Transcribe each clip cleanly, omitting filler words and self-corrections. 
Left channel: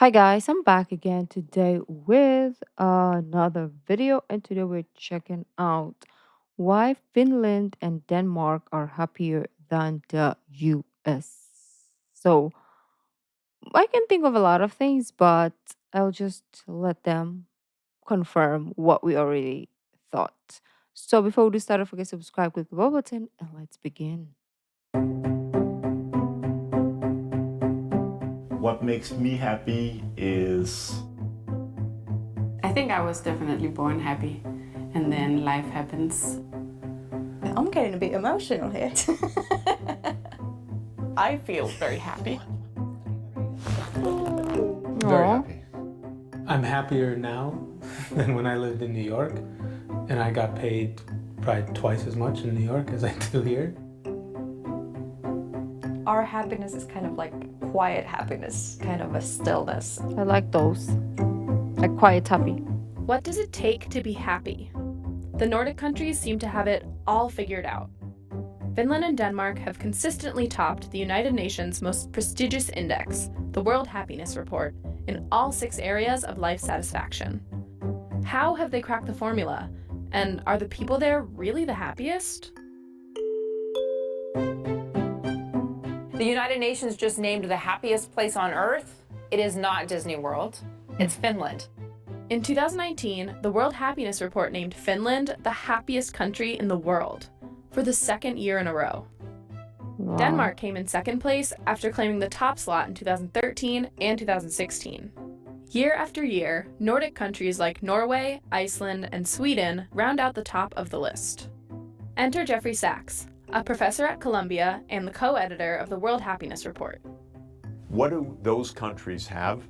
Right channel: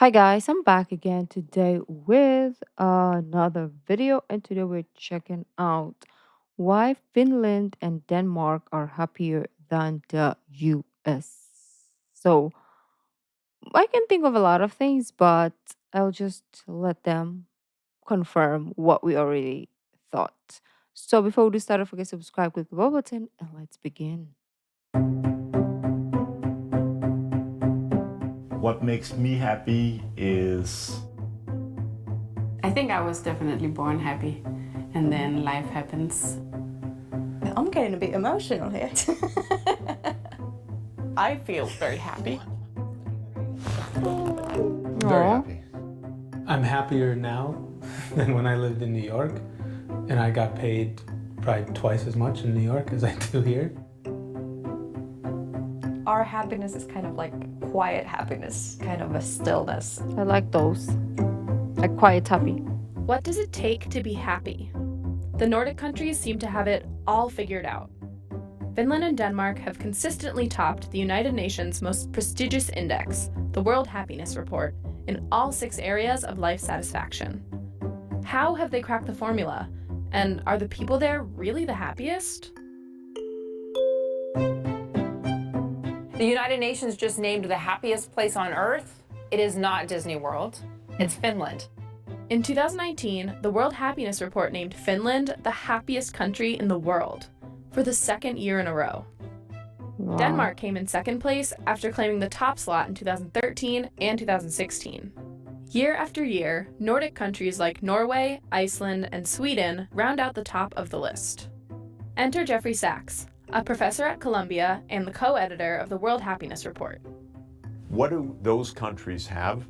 Hi guys, I'm back again today with another video, and today we're checking out why Finland and Denmark are happier than the US. So I can think of a lot of things, but I'll just let them confirm what we already thought. So before we do start, don't forget to subscribe, click the bell button, and let's begin. What makes me happy is I think I was definitely born happy, and then life happens. I'm getting a bit emotional here. I feel very happy. Very Aw. happy. I'm happier now than when I lived in New York, and I got paid probably twice as much in New York as I do here. Our happiness is kind of like quiet happiness, kind of a stillness. I like those. Like quiet happy. What does it take to be happy? The Nordic countries seem to have it all figured out. Finland and Denmark have consistently topped the United Nations' most prestigious index, the World Happiness Report, in all 6 areas of life satisfaction. How have they cracked the formula? And are the people there really the happiest? The United Nations just named the happiest place on Earth. It is not Disney World. It's Finland. In 2019, the World Happiness Report named Finland the happiest country in the world for the 2nd year in a row. Wow. Denmark came in 2nd place after claiming the top slot in 2013 and 2016. Year after year, Nordic countries like Norway, Iceland, and Sweden round out the top of the list. Enter Jeffrey Sachs, a professor at Columbia and the co-editor of the World Happiness Report. What do those countries have?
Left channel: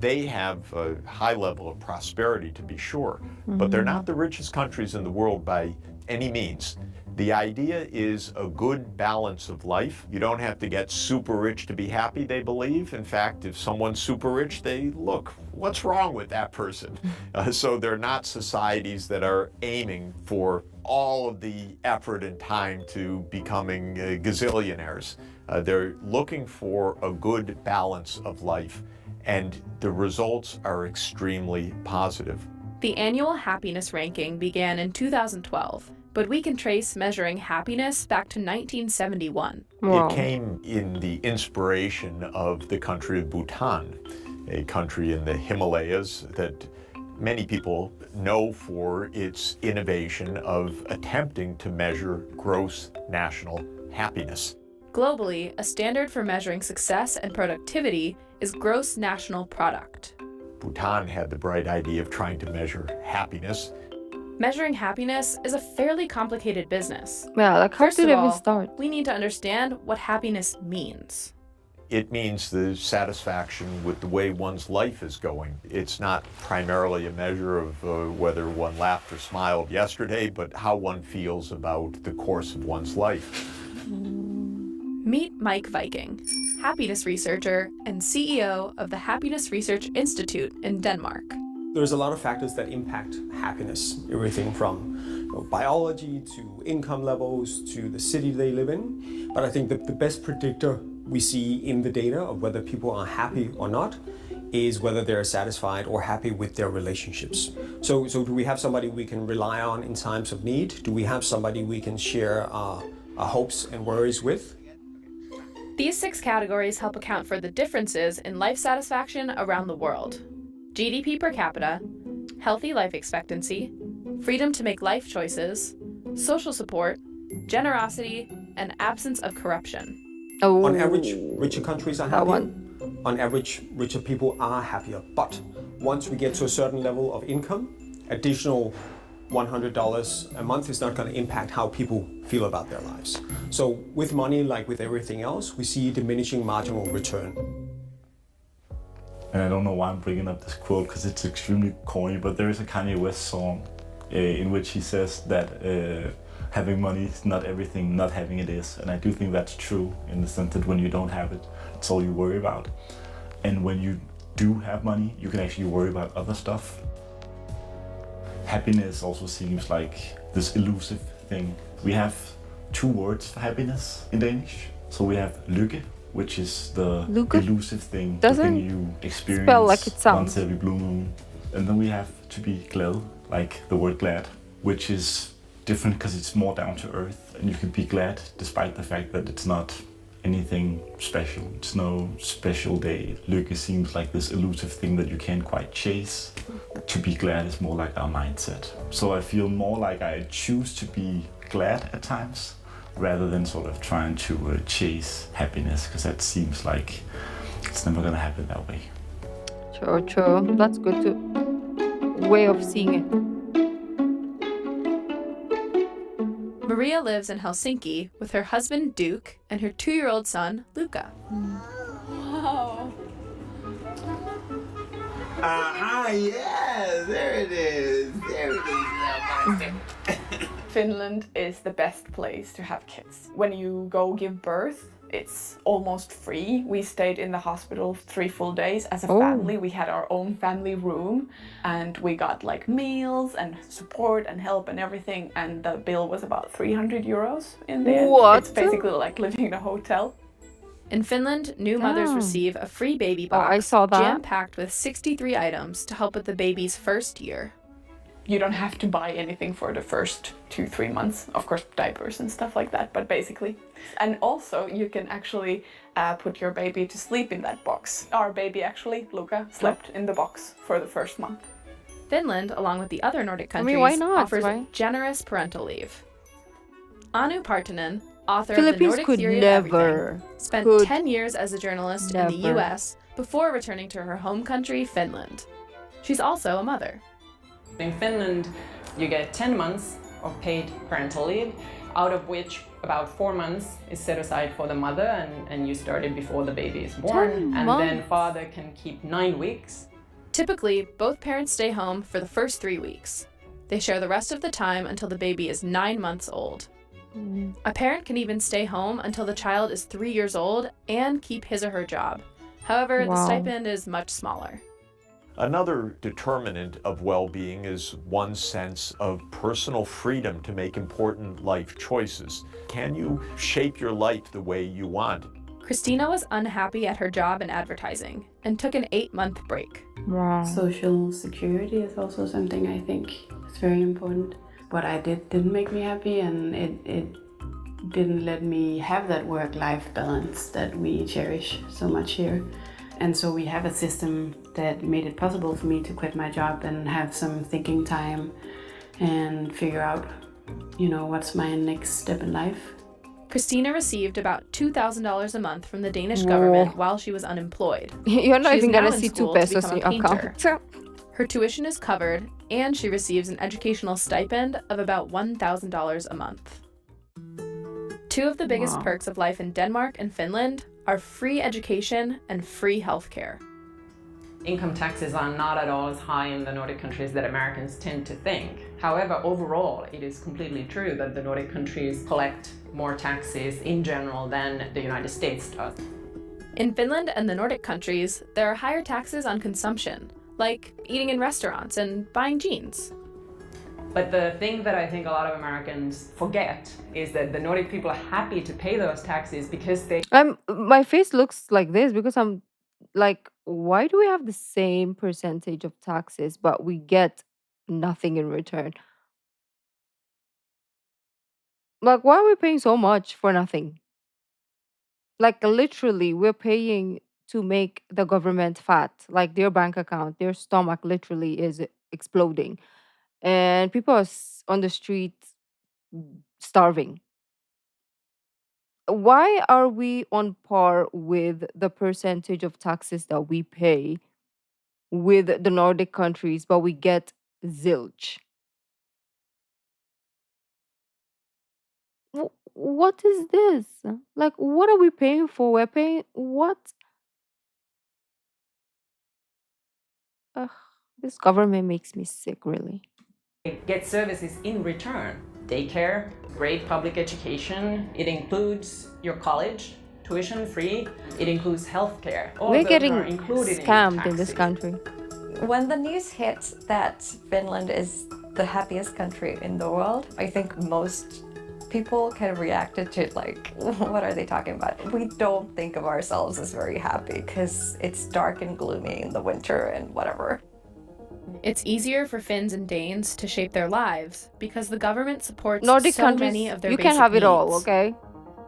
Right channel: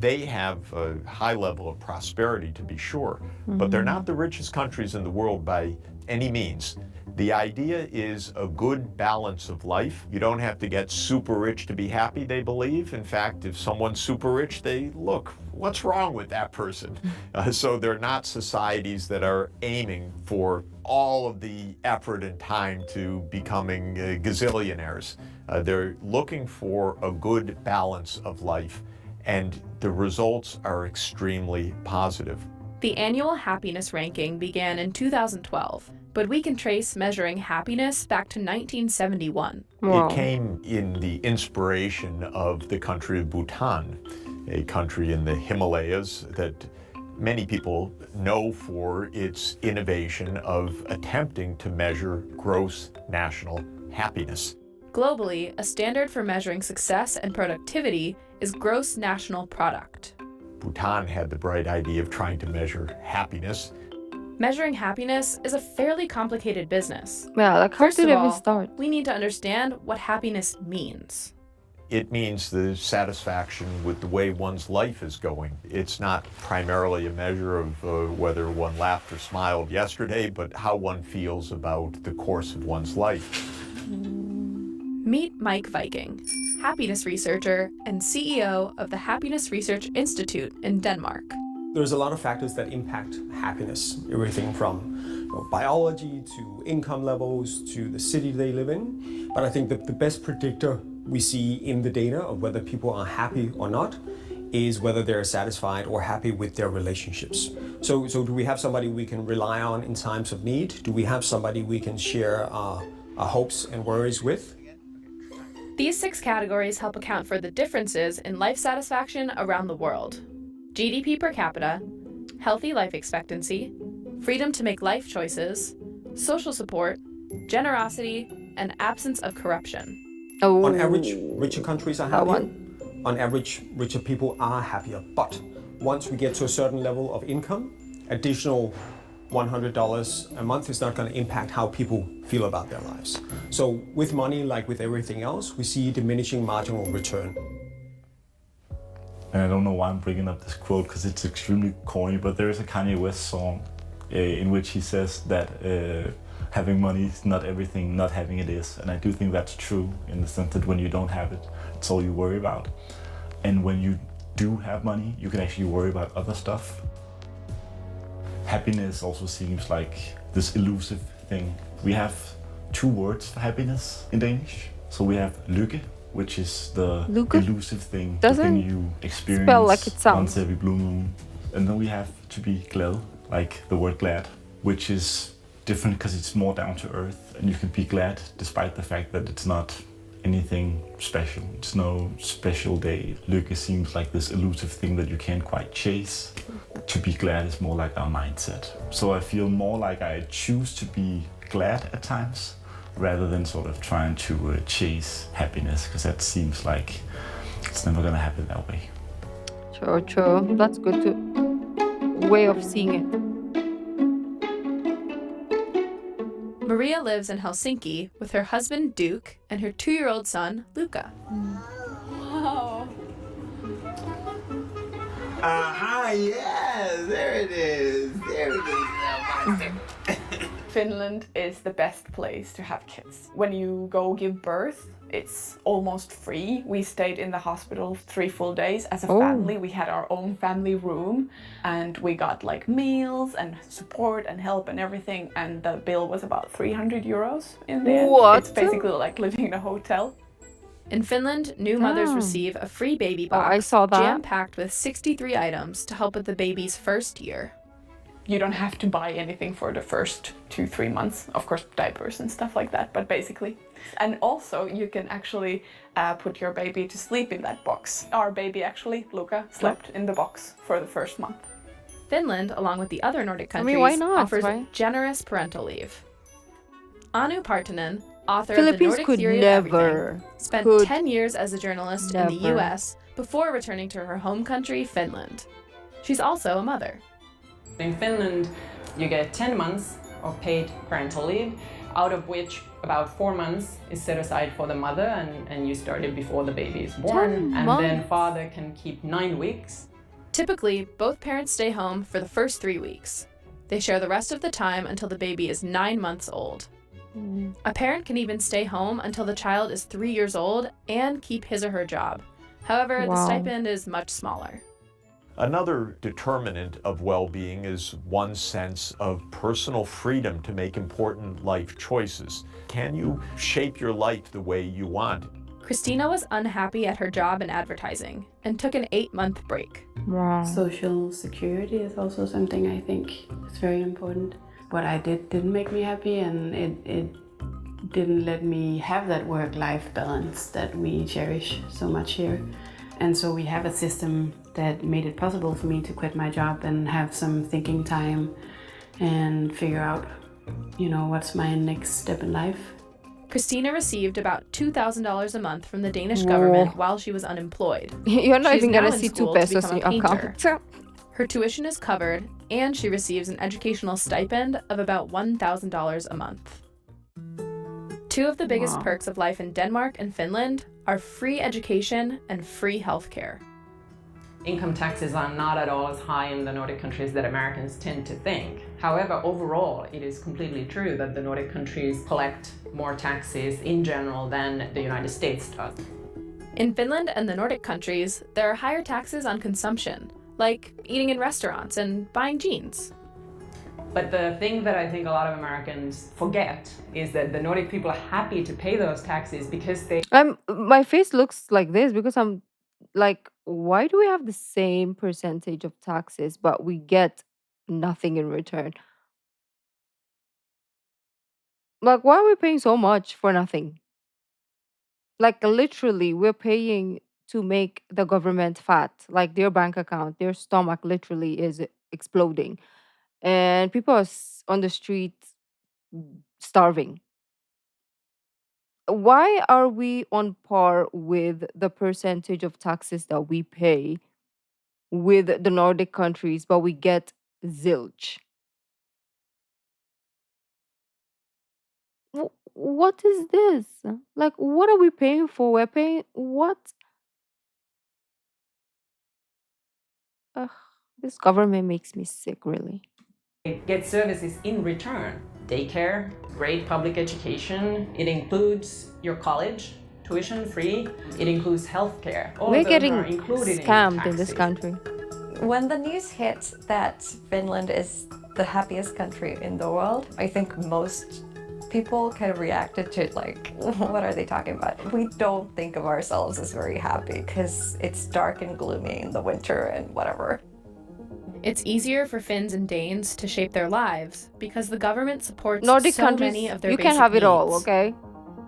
They have a high level of prosperity, to be sure, but they're not the richest countries in the world by any means. The idea is a good balance of life. You don't have to get super rich to be happy, they believe. In fact, if someone's super rich, they look, what's wrong with that person? So they're not societies that are aiming for all of the effort and time to becoming gazillionaires. They're looking for a good balance of life, and the results are extremely positive. The annual happiness ranking began in 2012, but we can trace measuring happiness back to 1971. Wow. It came in the inspiration of the country of Bhutan, a country in the Himalayas that many people know for its innovation of attempting to measure gross national happiness. Globally, a standard for measuring success and productivity is gross national product. Bhutan had the bright idea of trying to measure happiness. Measuring happiness is a fairly complicated business. Yeah, like how First did of it even all, start? we need to understand what happiness means. It means the satisfaction with the way one's life is going. It's not primarily a measure of whether one laughed or smiled yesterday, but how one feels about the course of one's life. Meet Mike Viking, happiness researcher and CEO of the Happiness Research Institute in Denmark. There's a lot of factors that impact happiness, everything from biology to income levels to the city they live in. But I think that the best predictor we see in the data of whether people are happy or not is whether they're satisfied or happy with their relationships. So do we have somebody we can rely on in times of need? Do we have somebody we can share our hopes and worries with? These 6 categories help account for the differences in life satisfaction around the world: GDP per capita, healthy life expectancy, freedom to make life choices, social support, generosity, and absence of corruption. Oh, On average, richer countries are that happier. one. On average, richer people are happier. But once we get to a certain level of income, additional $100 a month is not going to impact how people feel about their lives. So with money, like with everything else, we see diminishing marginal return. and I don't know why I'm bringing up this quote because it's extremely corny, but there is a Kanye West song in which he says that having money is not everything, not having it is. And I do think that's true in the sense that when you don't have it, it's all you worry about. And when you do have money, you can actually worry about other stuff. Happiness also seems like this elusive thing. We have 2 words for happiness in Danish. So we have lykke, which is the Luca? elusive thing, Doesn't the thing you experience spell like it once sounds. every blue moon. And then we have to be glad, like the word glad, which is different because it's more down to earth, and you can be glad despite the fact that it's not anything special. It's no special day. Lykke seems like this elusive thing that you can't quite chase. To be glad is more like our mindset. So I feel more like I choose to be glad at times rather than sort of trying to chase happiness, because that seems like it's never gonna happen that way. True. That's good to way of seeing it. Maria lives in Helsinki with her husband Duke and her 2-year-old son Luca. Wow. Aha, yeah, there it is. There it is. Finland is the best place to have kids. When you go give birth, it's almost free. We stayed in the hospital 3 full days as a family. We had our own family room and we got like meals and support and help and everything. And the bill was about 300 euros in the end. What? It's basically like living in a hotel. In Finland, new mothers receive a free baby Oh, box I saw that. jam-packed with 63 items to help with the baby's first year. You don't have to buy anything for the first 2-3 months. Of course, diapers and stuff like that, but basically. And also, you can actually put your baby to sleep in that box. Our baby actually, Luca, slept in the box for the first month. Finland, along with the other Nordic I countries, mean, why not, offers right? generous parental leave. Anu Partinen, author Philippines of The Nordic could Theory never. of Everything, spent could 10 years as a journalist in the never. US before returning to her home country, Finland. She's also a mother. In Finland, you get 10 months of paid parental leave, out of which about 4 months is set aside for the mother, and you started before the baby is born. 10 And months. then father can keep 9 weeks. Typically, both parents stay home for the first 3 weeks. They share the rest of the time until the baby is 9 months old. A parent can even stay home until the child is 3 years old and keep his or her job. However, the Wow. stipend is much smaller. Another determinant of well-being is one's sense of personal freedom to make important life choices. Can you shape your life the way you want? Christina was unhappy at her job in advertising and took an 8-month break. Wow. Social security is also something I think is very important. What I did didn't make me happy, and it didn't let me have that work-life balance that we cherish so much here. And so we have a system that made it possible for me to quit my job and have some thinking time and figure out, what's my next step in life. Christina received about $2,000 a month from the Danish government while she was unemployed. You're not She's even now gonna in see 2 school to pesos in become your a painter. account. Her tuition is covered, and she receives an educational stipend of about $1,000 a month. 2 of the biggest Wow. perks of life in Denmark and Finland are free education and free healthcare. Income taxes are not at all as high in the Nordic countries that Americans tend to think. However, overall, it is completely true that the Nordic countries collect more taxes in general than the United States does. In Finland and the Nordic countries, there are higher taxes on consumption, like eating in restaurants and buying jeans. But the thing that I think a lot of Americans forget is that the Nordic people are happy to pay those taxes because they My face looks like this because I'm like, why do we have the same percentage of taxes but we get nothing in return? Like, why are we paying so much for nothing? Like, literally, we're paying to make the government fat. Like, their bank account, their stomach literally is exploding. And people are on the street starving. Why are we on par with the percentage of taxes that we pay with the Nordic countries, but we get zilch? What is this? Like, what are we paying for? We're paying what? Ugh, this government makes me sick, really. get services in return. Daycare, great public education. It includes your college, tuition free. It includes healthcare. All We're of those getting are included scammed in in this taxes. country. When the news hit that Finland is the happiest country in the world, I think most people kind of reacted to like, what are they talking about? We don't think of ourselves as very happy because it's dark and gloomy in the winter and whatever. It's easier for Finns and Danes to shape their lives because the government supports Nordic so countries, many of their you basic can have it all, needs. okay?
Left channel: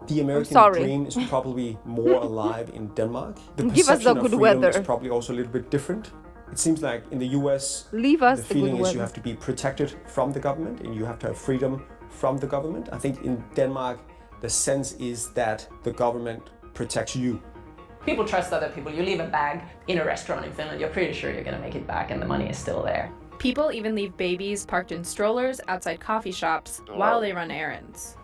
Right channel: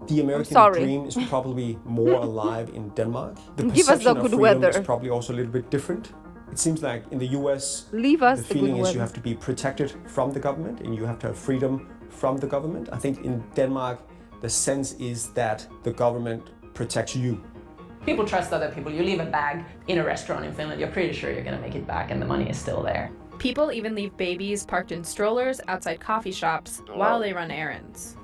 The American sorry. dream is probably more alive in Denmark. The Give us the perception of good freedom weather. is probably also a little bit different. It seems like in the US, Leave us the the good feeling is weather. you have to be protected from the government and you have to have freedom from the government. I think in Denmark, the sense is that the government protects you. People trust other people. You leave a bag in a restaurant in Finland, you're pretty sure you're going to make it back and the money is still there. People even leave babies parked in strollers outside coffee shops while they run errands.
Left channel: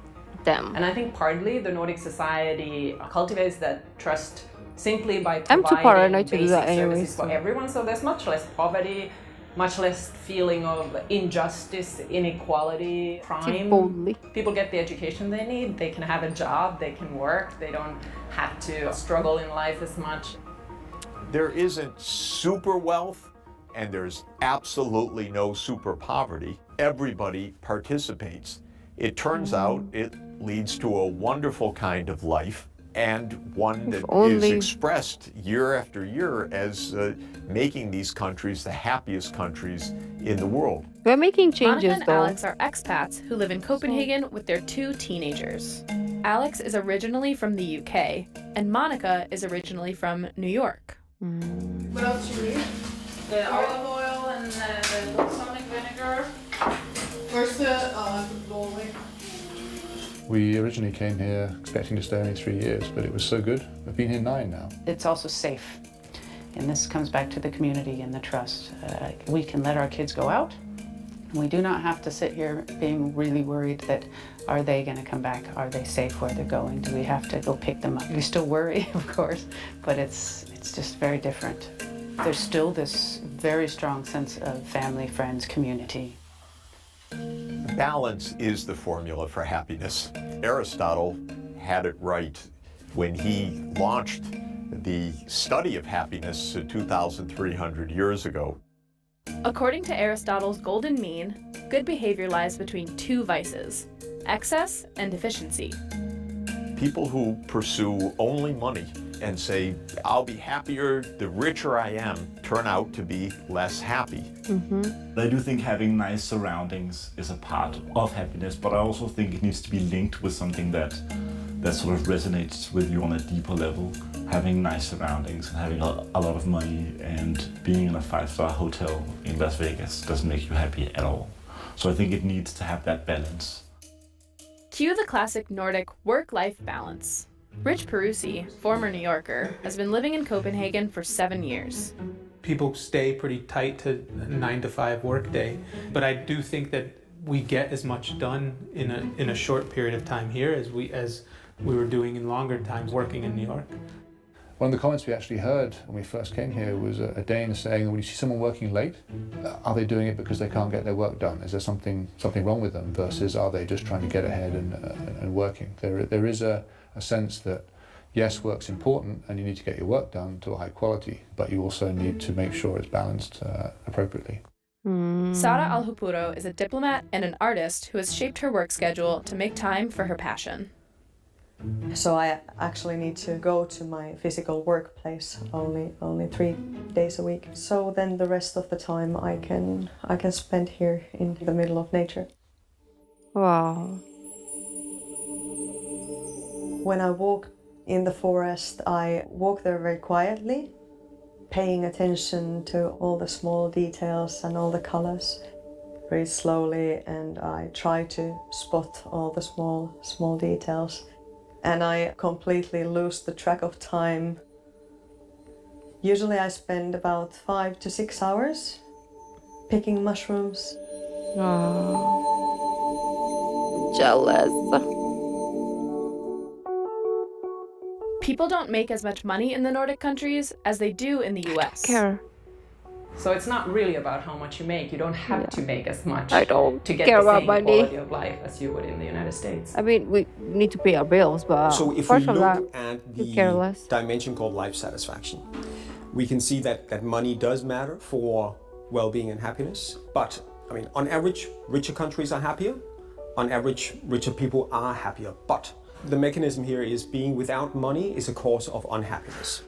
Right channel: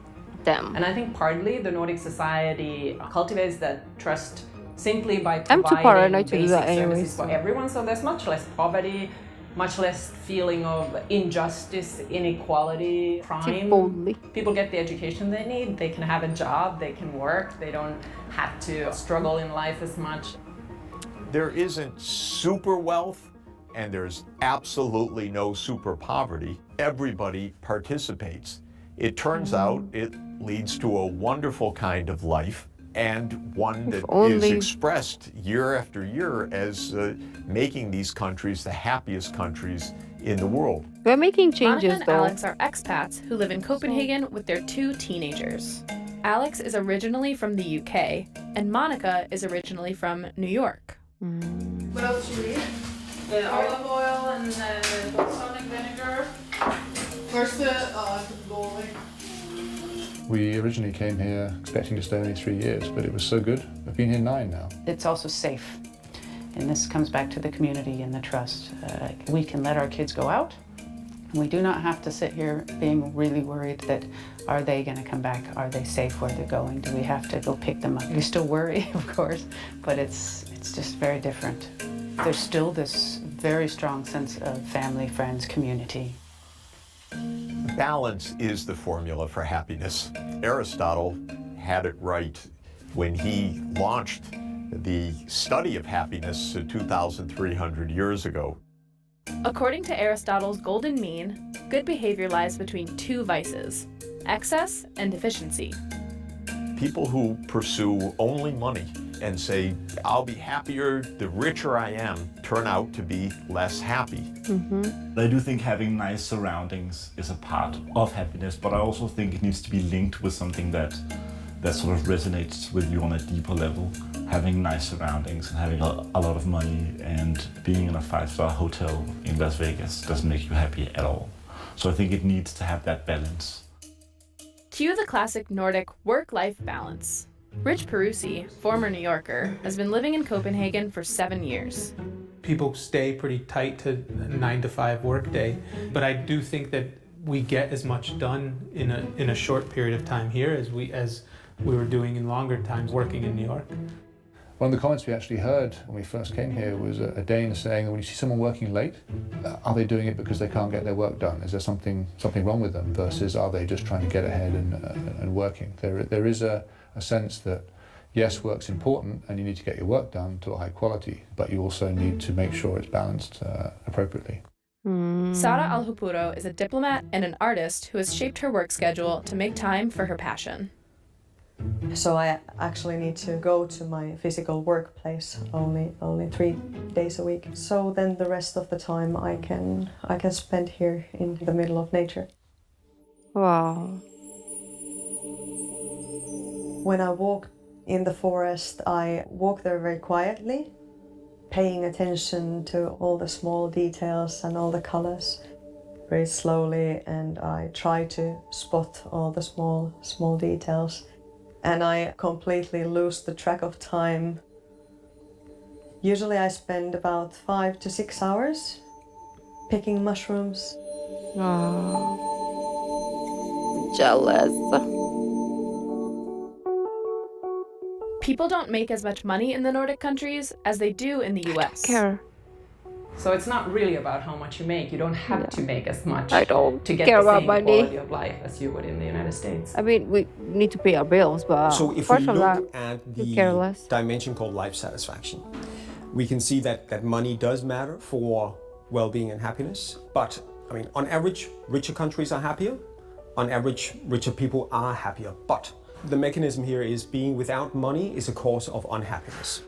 Them. And I think partly the Nordic society cultivates that trust simply by I'm too providing paranoid to do basic that anyway, services for so. everyone. So there's much less poverty, much less feeling of injustice, inequality, crime. Boldly. People get the education they need, they can have a job, they can work, they don't have to struggle in life as much. There isn't super wealth and there's absolutely no super poverty. Everybody participates. It turns out it leads to a wonderful kind of life and one that is expressed year after year as making these countries the happiest countries in the world. We're making changes, Monica and though. Alex are expats who live in Copenhagen with their 2 teenagers. Alex is originally from the UK, and Monica is originally from New York. What else do you need? The olive oil and the balsamic vinegar. Where's the bowling? We originally came here expecting to stay only 3 years, but it was so good. I've been here 9 now. It's also safe. And this comes back to the community and the trust. We can let our kids go out. We do not have to sit here being really worried that are they going to come back? Are they safe where they're going? Do we have to go pick them up? We still worry, of course, but it's just very different. There's still this very strong sense of family, friends, community. Balance is the formula for happiness. Aristotle had it right when he launched the study of happiness 2,300 years ago. According to Aristotle's golden mean, good behavior lies between 2 vices, excess and deficiency. People who pursue only money and say, I'll be happier the richer I am, turn out to be less happy. I do think having nice surroundings is a part of happiness, but I also think it needs to be linked with something that sort of resonates with you on a deeper level. Having nice surroundings and having a lot of money and being in a 5-star hotel in Las Vegas doesn't make you happy at all. So I think it needs to have that balance. Cue the classic Nordic work-life balance. Rich Perusi, former New Yorker, has been living in Copenhagen for 7 years. People stay pretty tight to a 9-to-5 workday, but I do think that we get as much done in a short period of time here as we were doing in longer times working in New York. One of the comments we actually heard when we first came here was a Dane saying, when you see someone working late, are they doing it because they can't get their work done? Is there something wrong with them versus are they just trying to get ahead and working? There is a sense that, yes, work's important and you need to get your work done to a high quality, but you also need to make sure it's balanced appropriately. Sara Alhupuro is a diplomat and an artist who has shaped her work schedule to make time for her passion. So I actually need to go to my physical workplace only 3 days a week. So then the rest of the time I can spend here in the middle of nature. Wow. When I walk in the forest, I walk there very quietly, paying attention to all the small details and all the colors very slowly, and I try to spot all the small details. And I completely lose the track of time. Usually I spend about 5 to 6 hours picking mushrooms. Oh, jealous. People don't make as much money in the Nordic countries as they do in the US. So it's not really about how much you make. You don't have to make as much I don't to get care the about same money. quality of life as you would in the United States. I mean, we need to pay our bills, but So if apart we from look that, at you care less. the dimension called life satisfaction, we can see that money does matter for well-being and happiness. But I mean, on average, richer countries are happier, On average, richer people are happier, but the mechanism here is being without money is a cause of unhappiness.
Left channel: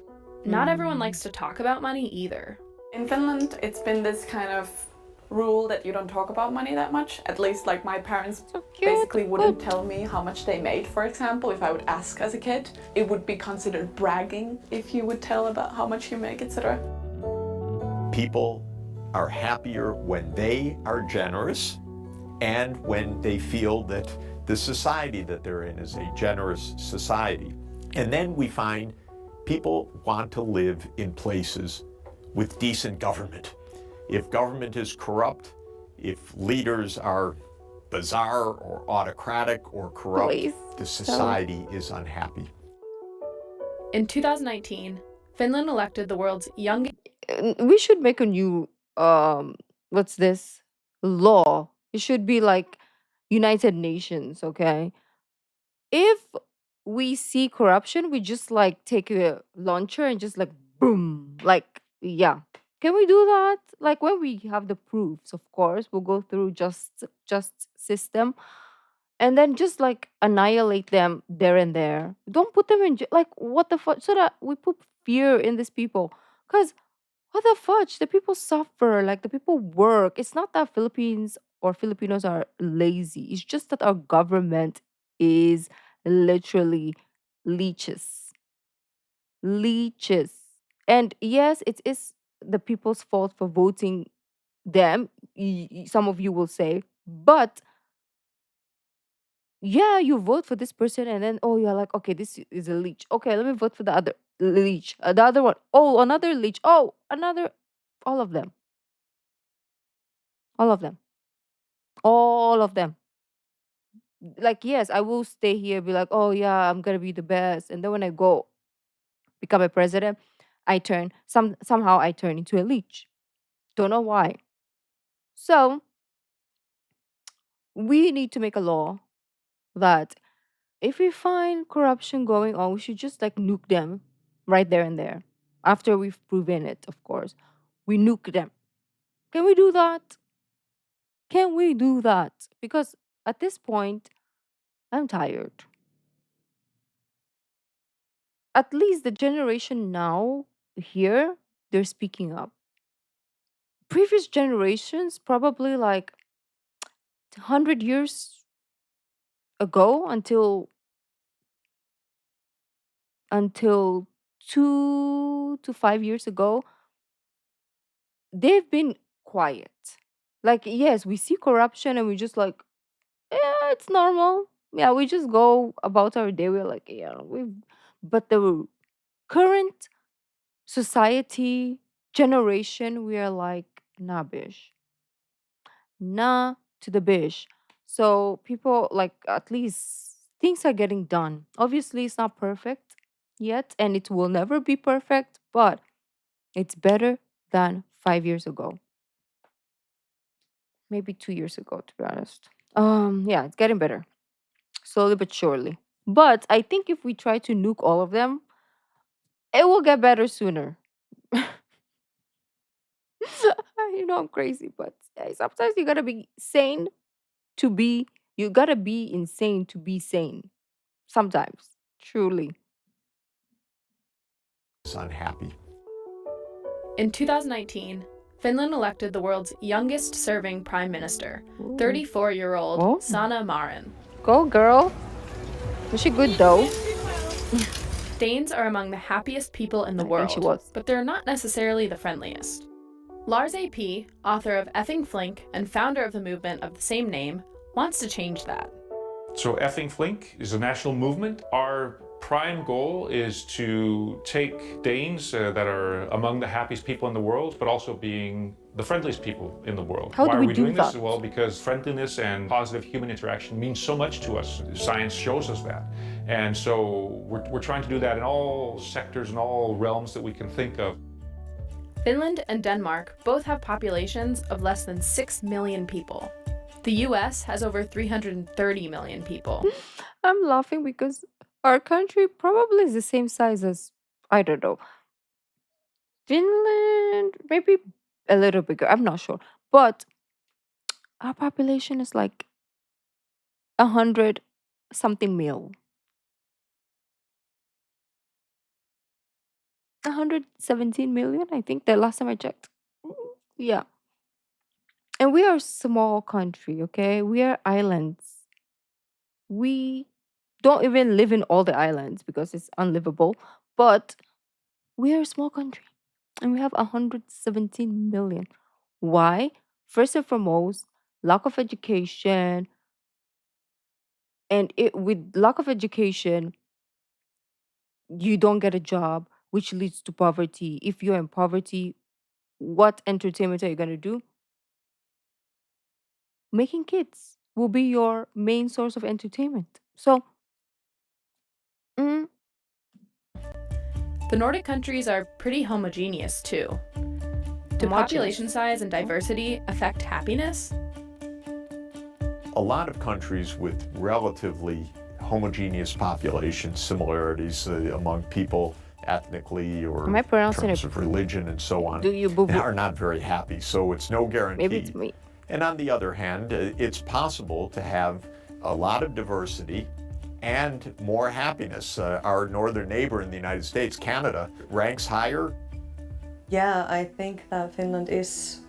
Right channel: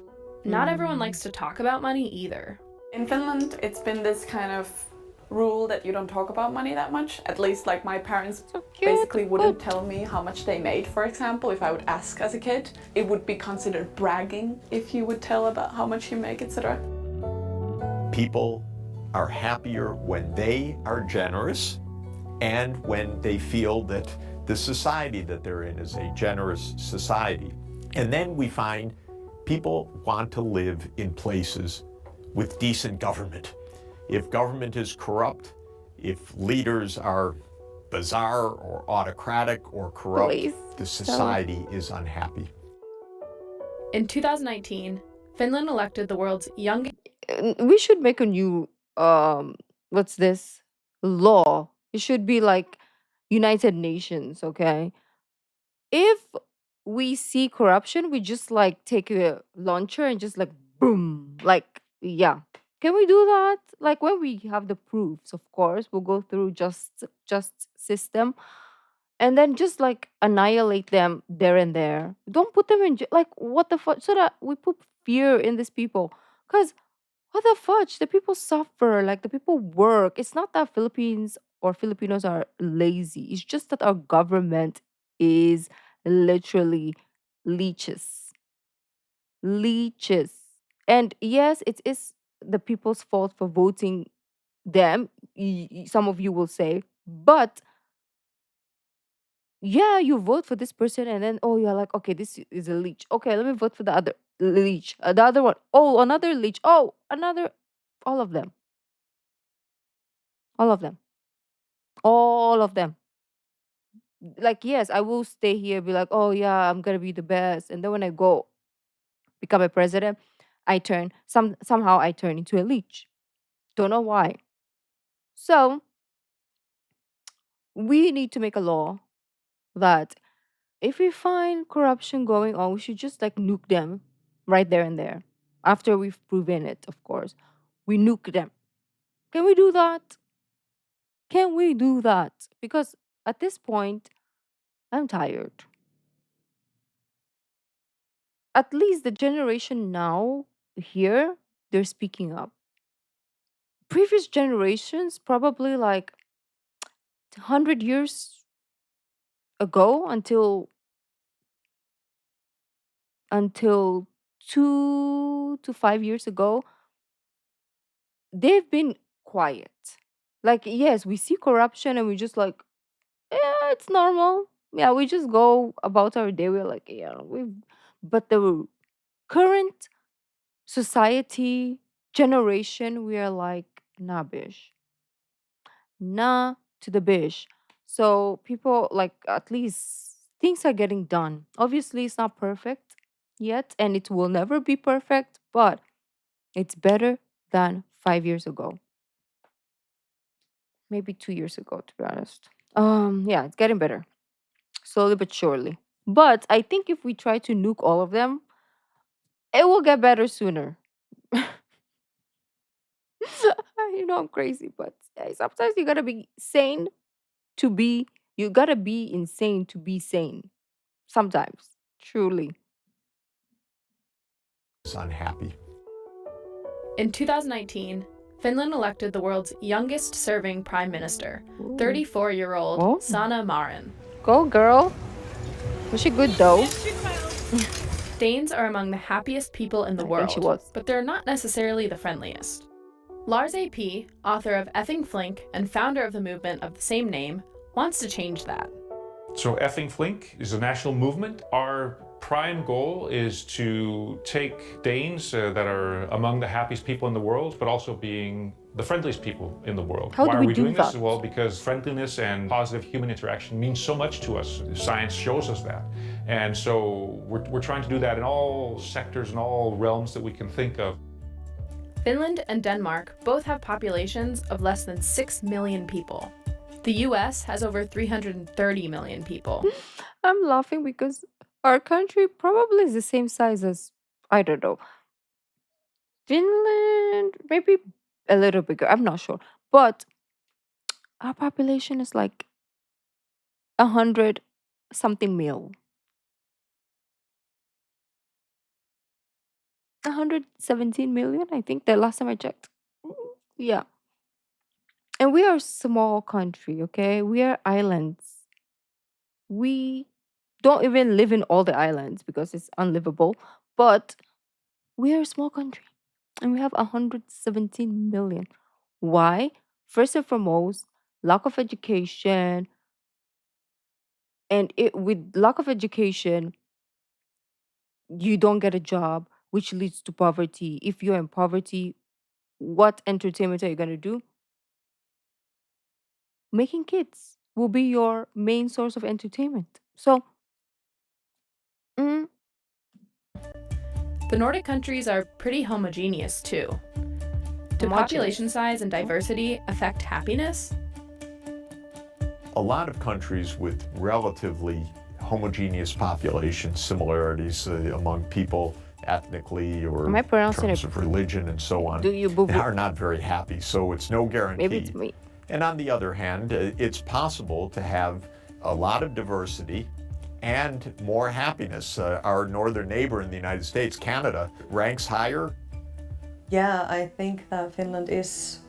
Not everyone likes to talk about money either. In Finland, it's been this kind of rule that you don't talk about money that much. At least like my parents basically wouldn't tell me how much they made, for example. If I would ask as a kid, it would be considered bragging if you would tell about how much you make, etc. People are happier when they are generous and when they feel that the society that they're in is a generous society. And then we find people want to live in places with decent government. If government is corrupt, if leaders are bizarre or autocratic or corrupt, the society is unhappy. In 2019, Finland elected the world's youngest. We should make a new what's this law. It should be like United Nations, okay? If we see corruption, we just like take a launcher and just like boom, like yeah. Can we do that? Like when we have the proofs, of course, we'll go through just system and then just like annihilate them there and there. Don't put them in like what the fuck, so that we put fear in these people. Cause what the fudge? The people suffer, like the people work. It's not that Philippines or Filipinos are lazy. It's just that our government is literally leeches. Leeches. And yes, it is the people's fault for voting them. Some of you will say, but yeah, you vote for this person and then oh you're like, okay, this is a leech. Okay, let me vote for the other leech. The other one. Oh, another leech. Oh, another, all of them. All of them. All of them. Like, yes, I will stay here, be like, oh yeah, I'm gonna be the best. And then when I go become a president, I turn somehow I turn into a leech. Don't know why. So we need to make a law that if we find corruption going on, we should just like nuke them right there and there. After we've proven it, of course. We nuke them. Can we do that? Can we do that? Because at this point, I'm tired. At least the generation now here, they're speaking up. Previous generations, probably like 100 years ago until 2 to 5 years ago, they've been quiet. Like, yes, we see corruption and we just like, yeah, it's normal. Yeah, we just go about our day. We're like, yeah, but the current society generation, we are like, nah, bish. Nah to the bish. So people like at least things are getting done. Obviously, it's not perfect yet, and it will never be perfect, but it's better than 5 years ago. Maybe 2 years ago, to be honest. Yeah, it's getting better. Slowly but surely. But I think if we try to nuke all of them, it will get better sooner. You know I'm crazy, but sometimes you gotta be sane to be you gotta be insane to be sane. Sometimes. Truly. Is unhappy. In 2019, Finland elected the world's youngest serving prime minister, 34-year-old Oh. Sanna Marin. Go girl. Was she good though? Danes are among the happiest people in the I world, think she was. but they're not necessarily the friendliest. Lars A.P., author of Effing Flink and founder of the movement of the same name, wants to change that. So Effing Flink is a national movement. Our prime goal is to take Danes that are among the happiest people in the world, but also being the friendliest people in the world. How do Why we are we do doing that? this? Well, because friendliness and positive human interaction means so much to us. Science shows us that. And so we're trying to do that in all sectors and all realms that we can think of. Finland and Denmark both have populations of less than 6 million people. The US has over 330 million people. I'm laughing because our country probably is the same size as, I don't know, Finland, maybe a little bigger. I'm not sure. But our population is like 100 something mil. 117 million, I think, the last time I checked. Yeah. And we are a small country, okay? We are islands. We don't even live in all the islands because it's unlivable, but we are a small country and we have 117 million. Why? First and foremost, lack of education. And with lack of education, you don't get a job, which leads to poverty. If you're in poverty, what entertainment are you going to do? Making kids will be your main source of entertainment. So, The Nordic countries are pretty homogeneous too. Do population size and diversity affect happiness? A lot of countries with relatively homogeneous populations, similarities among people ethnically or am I pronouncing terms it? of religion and so on, Do you boo-boo? are not very happy. So it's no guarantee. Maybe it's me. And on the other hand, it's possible to have a lot of diversity and more happiness. Our northern neighbor in the United States, Canada, ranks higher. Yeah, I think that Finland is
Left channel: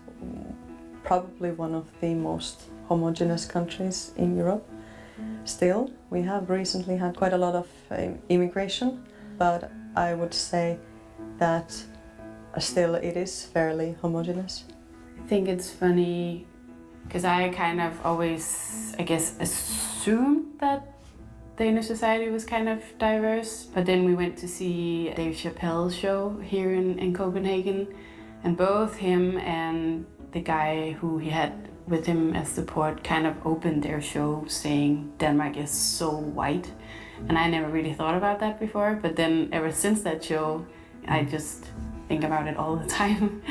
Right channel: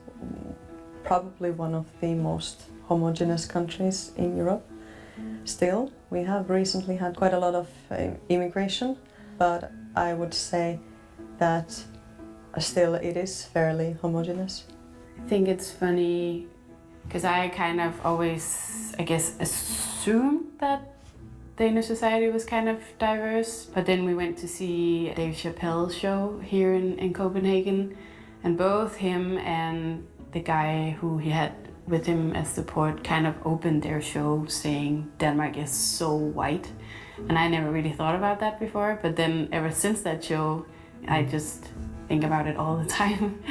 probably one of the most homogeneous countries in Europe. Still, we have recently had quite a lot of immigration, but I would say that still it is fairly homogeneous. I think it's funny because I kind of always, I guess, assumed that Danish society was kind of diverse, but then we went to see Dave Chappelle's show here in Copenhagen, and both him and the guy who he had with him as support kind of opened their show saying Denmark is so white, and I never really thought about that before, but then ever since that show I just think about it all the time.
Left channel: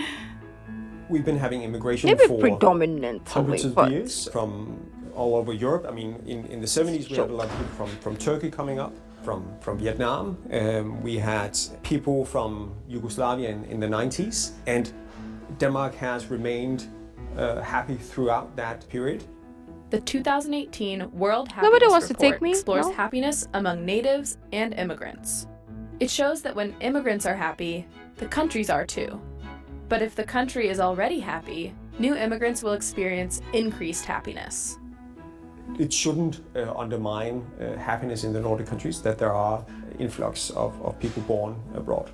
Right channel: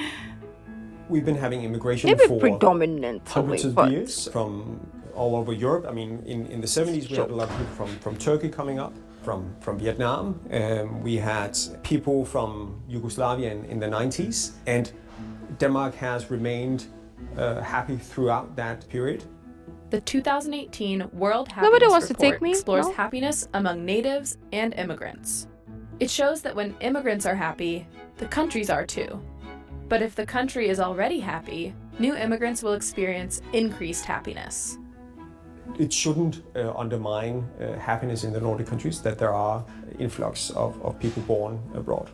We've been having immigration Maybe for predominantly, hundreds of but years from all over Europe. I mean, in the 70s we had a lot of people from Turkey coming up, from Vietnam. We had people from Yugoslavia in the 90s, and Denmark has remained happy throughout that period. The 2018 World Nobody Happiness wants to Report take me, explores no? happiness among natives and immigrants. It shows that when immigrants are happy, the countries are too. But if the country is already happy, new immigrants will experience increased happiness. It shouldn't undermine happiness in the Nordic countries that there are influx of people born abroad.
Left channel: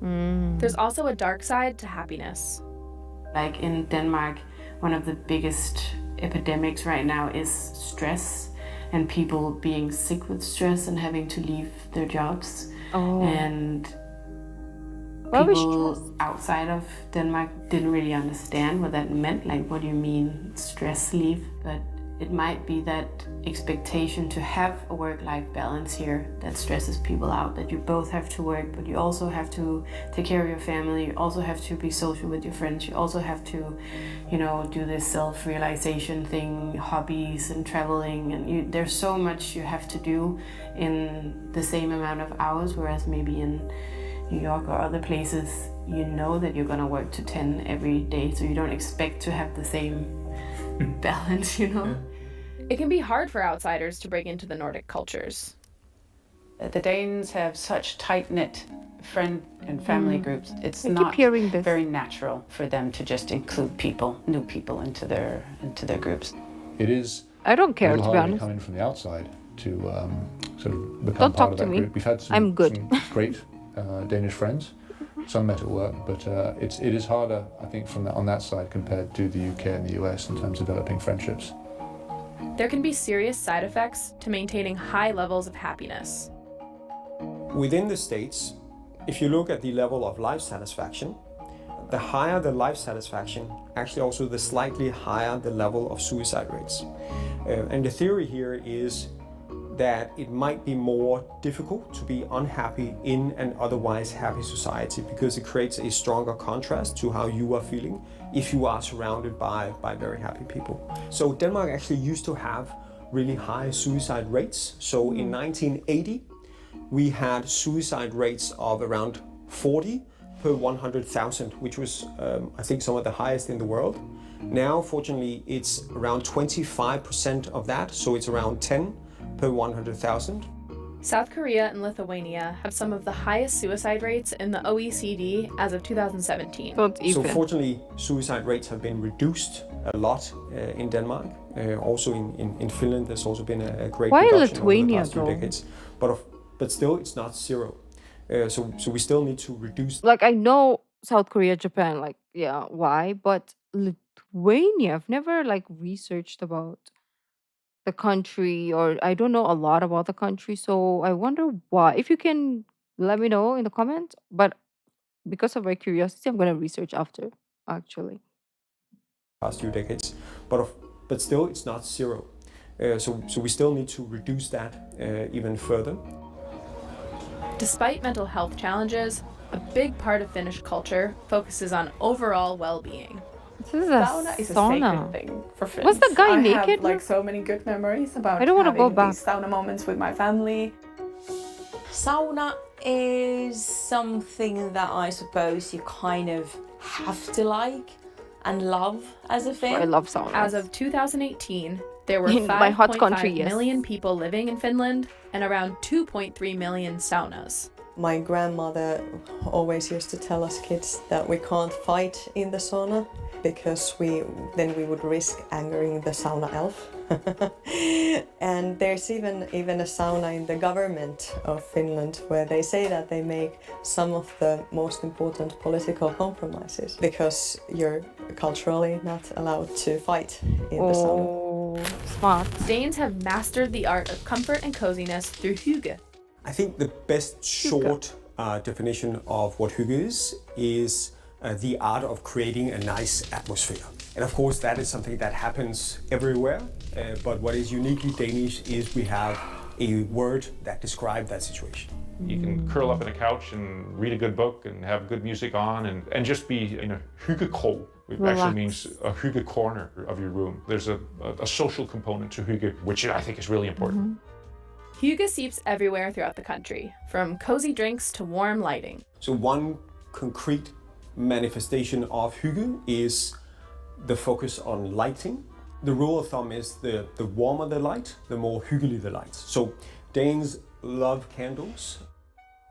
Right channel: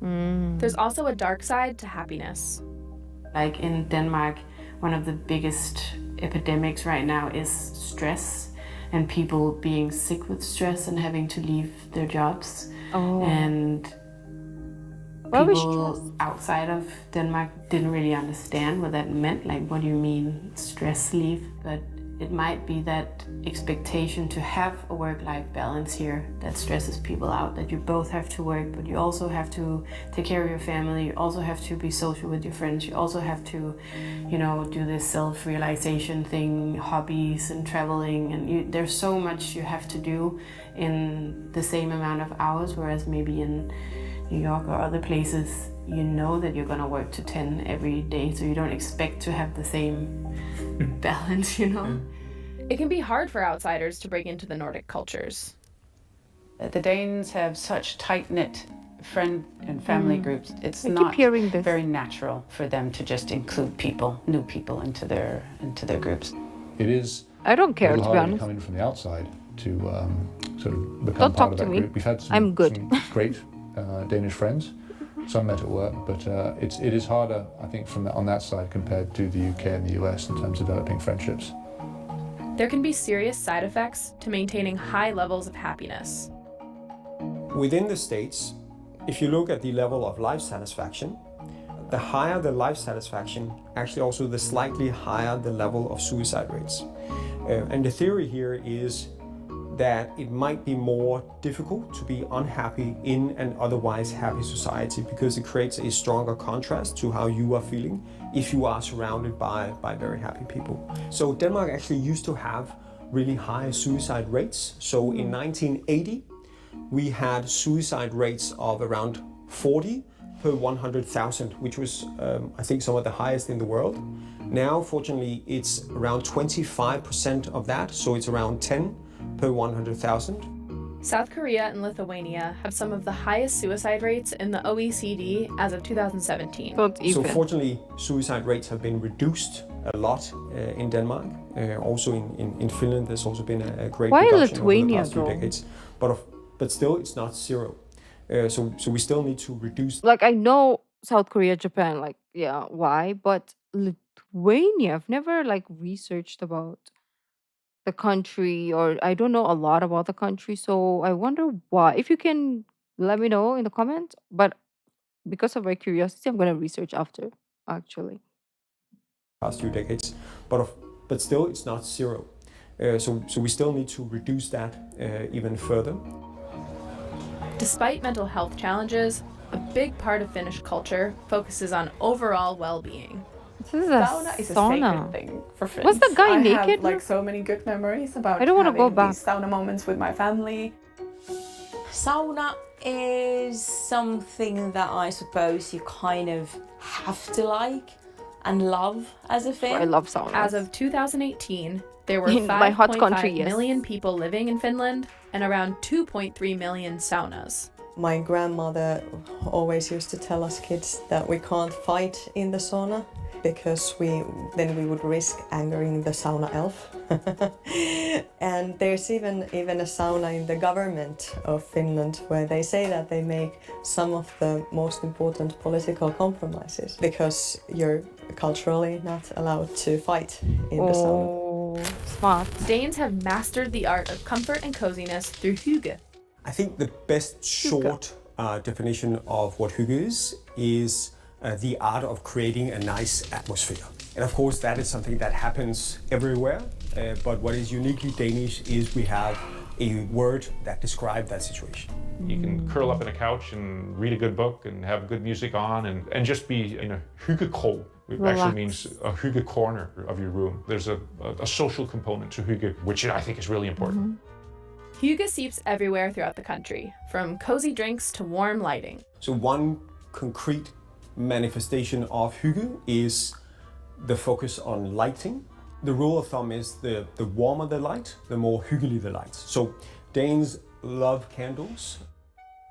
There's also a dark side to happiness. Like in Denmark, one of the biggest epidemics right now is stress and people being sick with stress and having to leave their jobs. And people outside of Denmark didn't really understand what that meant. Like, what do you mean stress leave? But it might be that expectation to have a work-life balance here that stresses people out, that you both have to work, but you also have to take care of your family, you also have to be social with your friends, you also have to, you know, do this self-realization thing, hobbies and traveling, and there's so much you have to do in the same amount of hours, whereas maybe in New York or other places, you know that you're gonna work to 10 every day, so you don't expect to have the same balance, you know? It can be hard for outsiders to break into the Nordic cultures. The Danes have such tight-knit friend and family groups. It's I keep not hearing this. very natural for them to just include people, new people into their groups. It is. I don't care, a little to be harder honest. Come in from the outside to sort of become Don't part talk of to that me. group. We've had some, I'm good. some great Danish friends. Some met at work, but it is harder, I think, on that side compared to the UK and the US in terms of developing friendships. There can be serious side effects to maintaining high levels of happiness. Within the States, if you look at the level of life satisfaction, the higher the life satisfaction, actually also the slightly higher the level of suicide rates. And the theory here is that it might be more difficult to be unhappy in an otherwise happy society because it creates a stronger contrast to how you are feeling if you are surrounded by very happy people. So Denmark actually used to have really high suicide rates. So in 1980, we had suicide rates of around 40 per 100,000, which was, I think, some of the highest in the world. Now, fortunately, it's around 25% of that, so it's around 10 per 100,000. South Korea and Lithuania have some of the highest suicide rates in the OECD as of 2017. So fortunately, suicide rates have been reduced a lot in Denmark. Also in Finland, there's also been a great Why reduction Lithuania, over the past few though? decades. But still, it's not zero. So we still need to reduce. Like, I know South Korea, Japan, like, yeah, why? But Lithuania, I've never, like, researched about the country, or I don't know a lot about the country, so I wonder why. If you can let me know in the comments, but because of my curiosity, I'm gonna research after, actually. Past few decades, but still, it's not zero. So we still need to reduce that even further. Despite mental health challenges, a big part of Finnish culture focuses on overall well-being. This is a Sauna is a sauna. sacred thing for Finns. Was the guy I naked? have like so many good memories about I don't wanna go having back. these sauna moments with my family. Sauna is something that I suppose you kind of have to like and love as a Finn. I love saunas. As of 2018, there were In my hot country, 5.5 yes. million people living in Finland and around 2.3 million saunas. My grandmother always used to tell us kids that we can't fight in the sauna because then we would risk angering the sauna elf. And there's even a sauna in the government of Finland where they say that they make some of the most important political compromises because you're culturally not allowed to fight in the sauna. Oh, smart. Danes have mastered the art of comfort and coziness through hygge. I think the best short definition of what hygge is the art of creating a nice atmosphere. And of course, that is something that happens everywhere. But what is uniquely Danish is we have a word that describes that situation. You can curl up in a couch and read a good book and have good music on and just be in a hyggekrog. It actually means a hygge corner of your room. There's a social component to hygge, which I think is really important. Hygge seeps everywhere throughout the country, from cozy drinks to warm lighting. So one concrete manifestation of hygge is the focus on lighting. The rule of thumb is the warmer the light, the more hyggelig the light. So Danes love candles.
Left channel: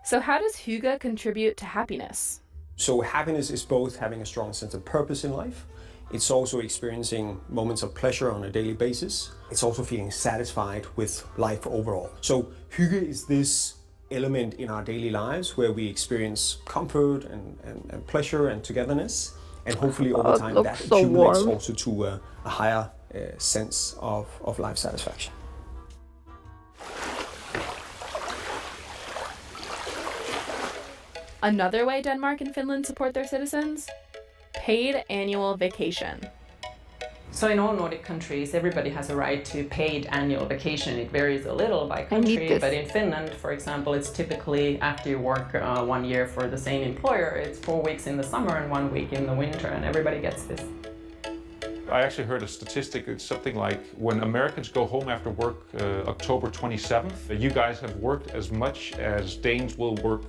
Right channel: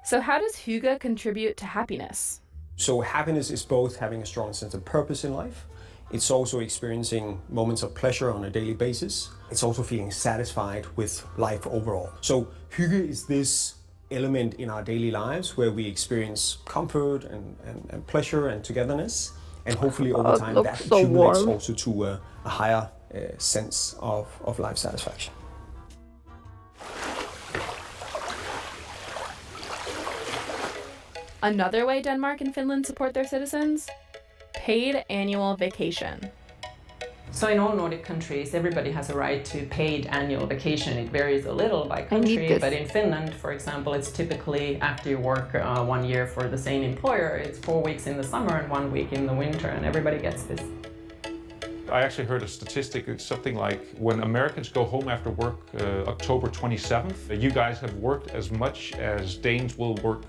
So how does hygge contribute to happiness? So happiness is both having a strong sense of purpose in life. It's also experiencing moments of pleasure on a daily basis. It's also feeling satisfied with life overall. So hygge is this element in our daily lives where we experience comfort and pleasure and togetherness. And hopefully over time that accumulates also to a higher sense of life satisfaction. Another way Denmark and Finland support their citizens? Paid annual vacation. So in all Nordic countries, everybody has a right to paid annual vacation. It varies a little by country, but in Finland, for example, it's typically after you work 1 year for the same employer, it's 4 weeks in the summer and 1 week in the winter, and everybody gets this. I actually heard a statistic. It's something like when Americans go home after work October 27th, you guys have worked as much as Danes will work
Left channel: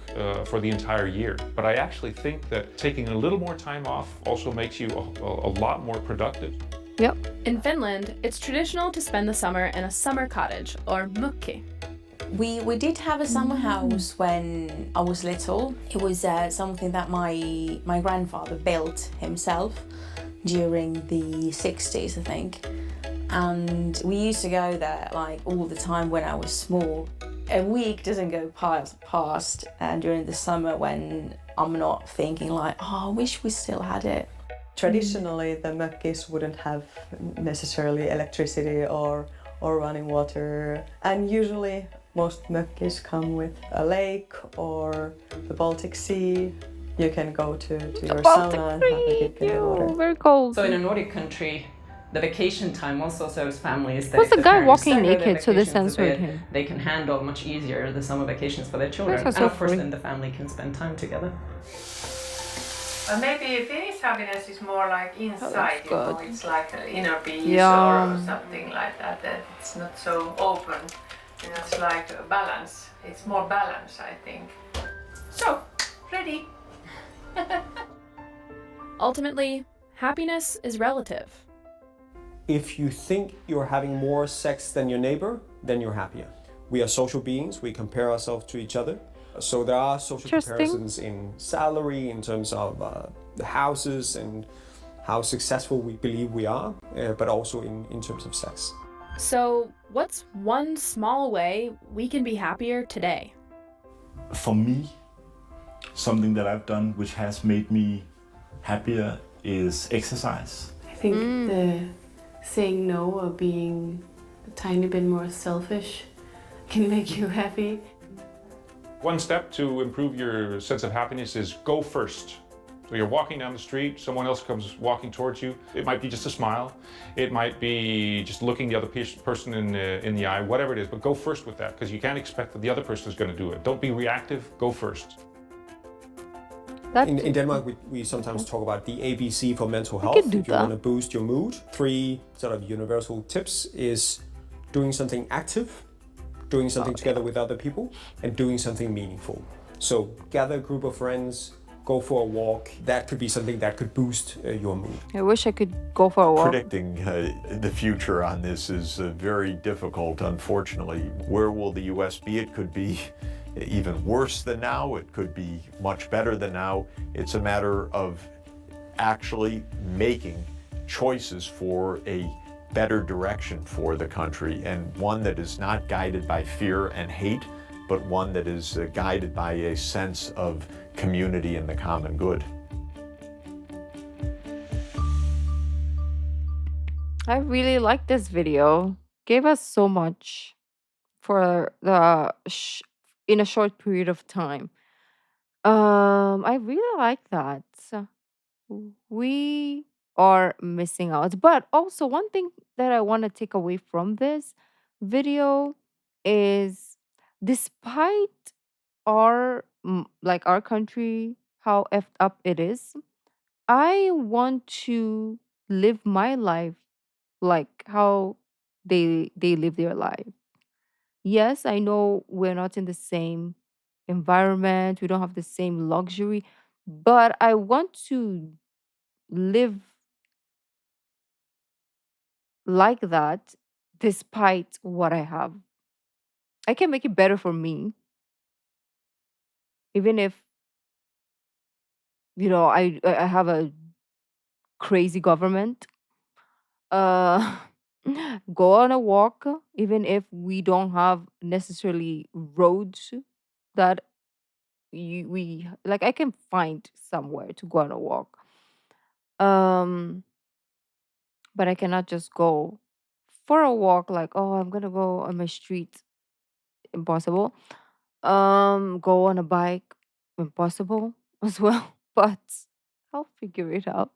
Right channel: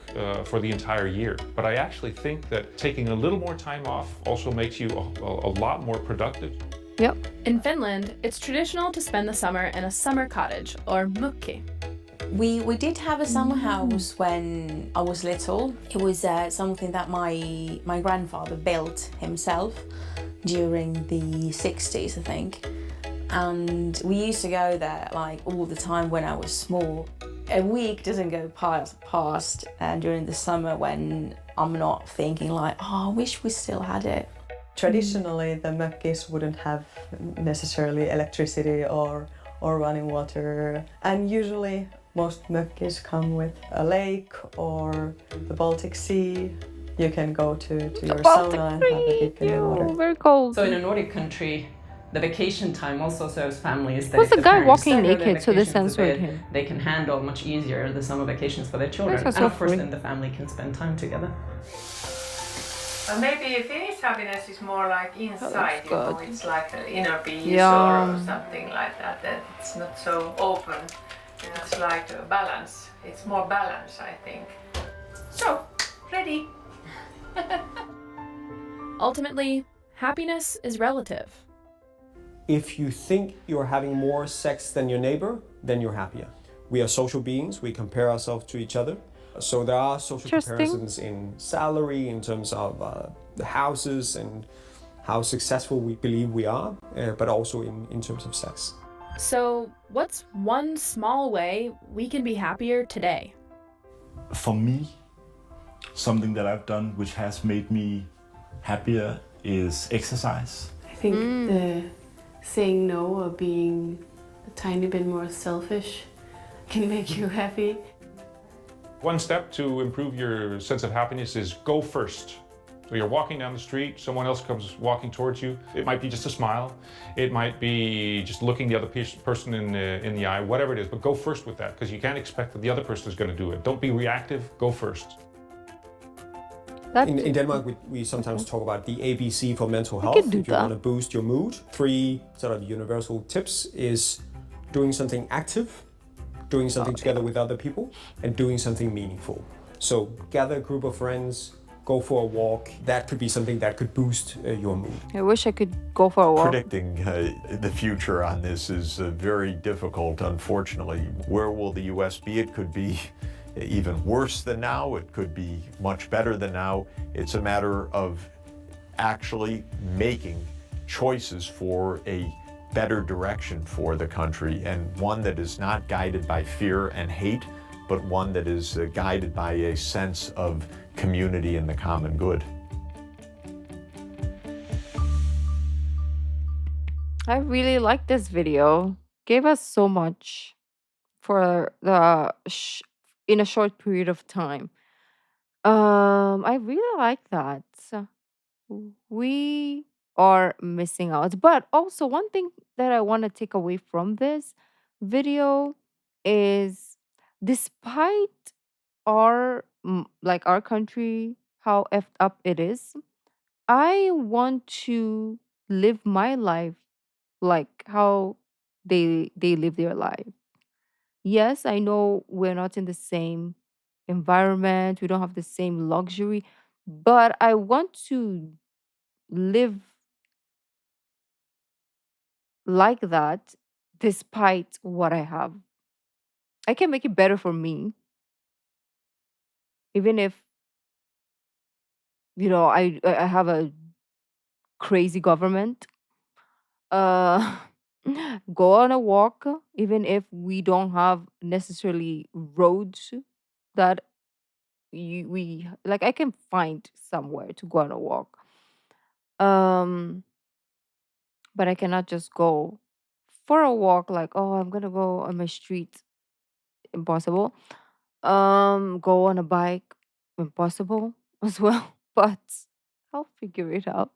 for the entire year. But I actually think that taking a little more time off also makes you a lot more productive. Yep. In Finland, it's traditional to spend the summer in a summer cottage, or mökki. We did have a summer house when I was little. It was something that my grandfather built himself during the 60s, I think. And we used to go there like all the time when I was small. A week doesn't go past during the summer when I'm not thinking like, oh, I wish we still had it. Traditionally, the mökkis wouldn't have necessarily electricity or running water. And usually most mökkis come with a lake or the Baltic Sea. You can go to your sauna and have a dip in the water. Very cold. So in a Nordic country, the vacation time also serves families that What's if the guy parents walking stagger their naked, so they vacations a censored bit, him? They can handle much easier the summer vacations for their children. That's And so of course free. then the family can spend time together. Maybe Finnish happiness is more like inside, you know, it's like an inner peace or something like that, that it's not so open. It's like a balance. It's more balance, I think. So, ready? Ultimately, happiness is relative. If you think you're having more sex than your neighbor, then you're happier. We are social beings, we compare ourselves to each other. So there are social comparisons in salary, in terms of the houses and how successful we believe we are, but also in terms of sex. So, what's one small way we can be happier today? For me, something that I've done which has made me happier is exercise. I think the saying no or being a tiny bit more selfish can make you happy. One step to improve your sense of happiness is go first. So you're walking down the street, someone else comes walking towards you. It might be just a smile. It might be just looking the other person in the eye, whatever it is, but go first with that, because you can't expect that the other person is going to do it. Don't be reactive, go first. In Denmark, we sometimes talk about the ABC for mental health. If you want to boost your mood, 3 sort of universal tips is doing something active, doing something together with other people, and doing something meaningful. So gather a group of friends, go for a walk. That could be something that could boost your mood. I wish I could go for a walk. Predicting the future on this is very difficult, unfortunately. Where will the US be? It could be even worse than now. It could be much better than now. It's a matter of actually making choices for a better direction for the country, and one that is not guided by fear and hate, but one that is guided by a sense of community and the common good. I really like this video. Gave us so much for the in a short period of time. I really like that. We are missing out. But also one thing that I want to take away from this video is, despite our country, how effed up it is, I want to live my life like how they live their life. Yes, I know we're not in the same environment, we don't have the same luxury, but I want to live like that despite what I have. I can make it better for me, even if, I have a crazy government. Uh go on a walk, even if we don't have necessarily roads that we like. I can find somewhere to go on a walk. Um but I cannot just go for a walk like, oh, I'm gonna go on my street. Impossible. Go on a bike. Impossible as well. But I'll figure it out.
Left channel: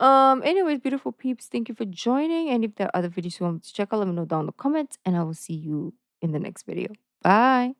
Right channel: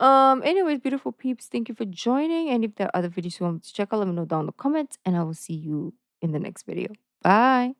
Anyways, beautiful peeps, thank you for joining. And if there are other videos you want me to check out, let me know down in the comments, and I will see you in the next video. Bye.